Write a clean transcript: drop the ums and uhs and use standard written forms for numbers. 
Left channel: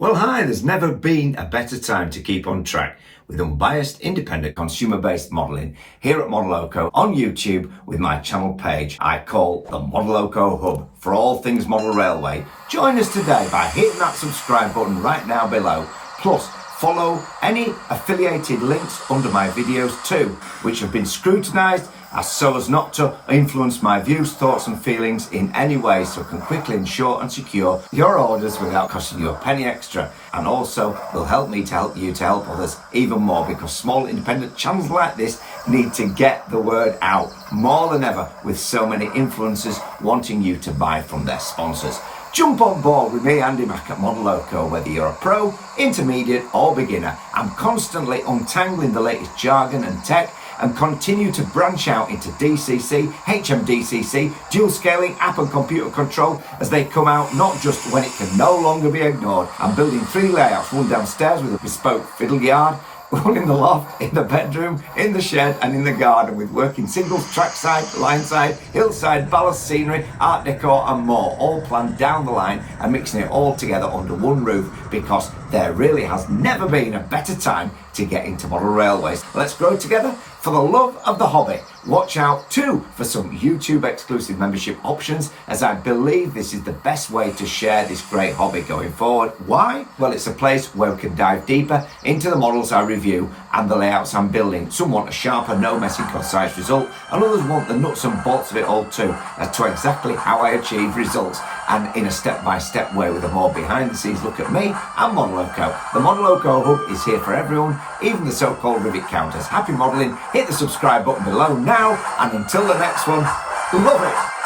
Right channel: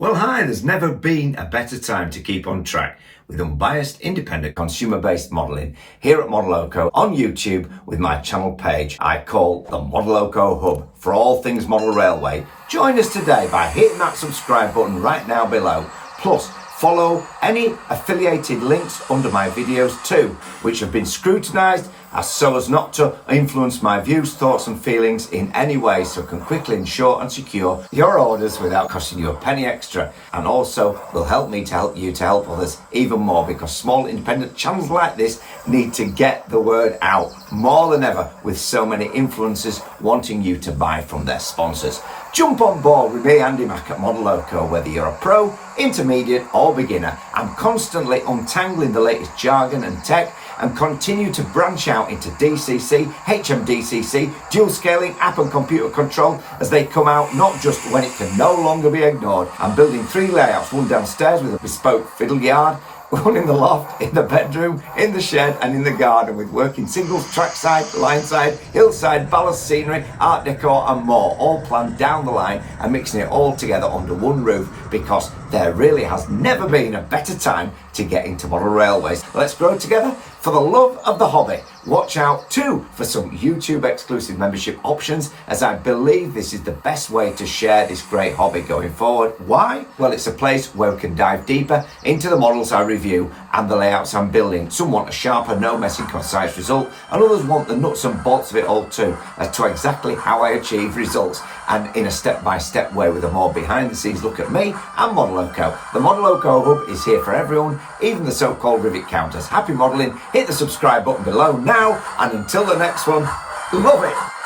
Well, hi, there's never been a better time to keep on track with unbiased, independent, consumer-based modelling here at Modeloco on YouTube with my channel page I call the Modeloco Hub for all things model railway. Join us today by hitting that subscribe button right now below. Plus, follow any affiliated links under my videos too, which have been scrutinised so as not to influence my views, thoughts and feelings in any way, so can quickly ensure and secure your orders without costing you a penny extra, and also will help me to help you to help others even more, because small independent channels like this need to get the word out more than ever with so many influencers wanting you to buy from their sponsors. Jump on board with me, Andy Mack at Modeloco. Whether you're a pro, intermediate or beginner, I'm constantly untangling the latest jargon and tech and continue to branch out into DCC, HM7000, dual scaling, app and computer control as they come out, not just when it can no longer be ignored. I'm building 3 layouts, one downstairs with a bespoke fiddle yard, one in the loft, in the bedroom, in the shed and in the garden, with working singles, trackside, lineside, hillside, ballast scenery, art decor and more, all planned down the line and mixing it all together under one roof, because there really has never been a better time to get into model railways. Let's grow together for the love of the hobby. Watch out too for some YouTube exclusive membership options, as I believe this is the best way to share this great hobby going forward. Why? Well, it's a place where we can dive deeper into the models I review and the layouts I'm building. Some want a sharper, no messing, concise result, and others want the nuts and bolts of it all too, as to exactly how I achieve results, and in a step-by-step way with a more behind-the-scenes look at me and Modeloco. The Modeloco Hub is here for everyone, even the so-called rivet counters. Happy modelling, hit the subscribe button below now, and until the next one, love it!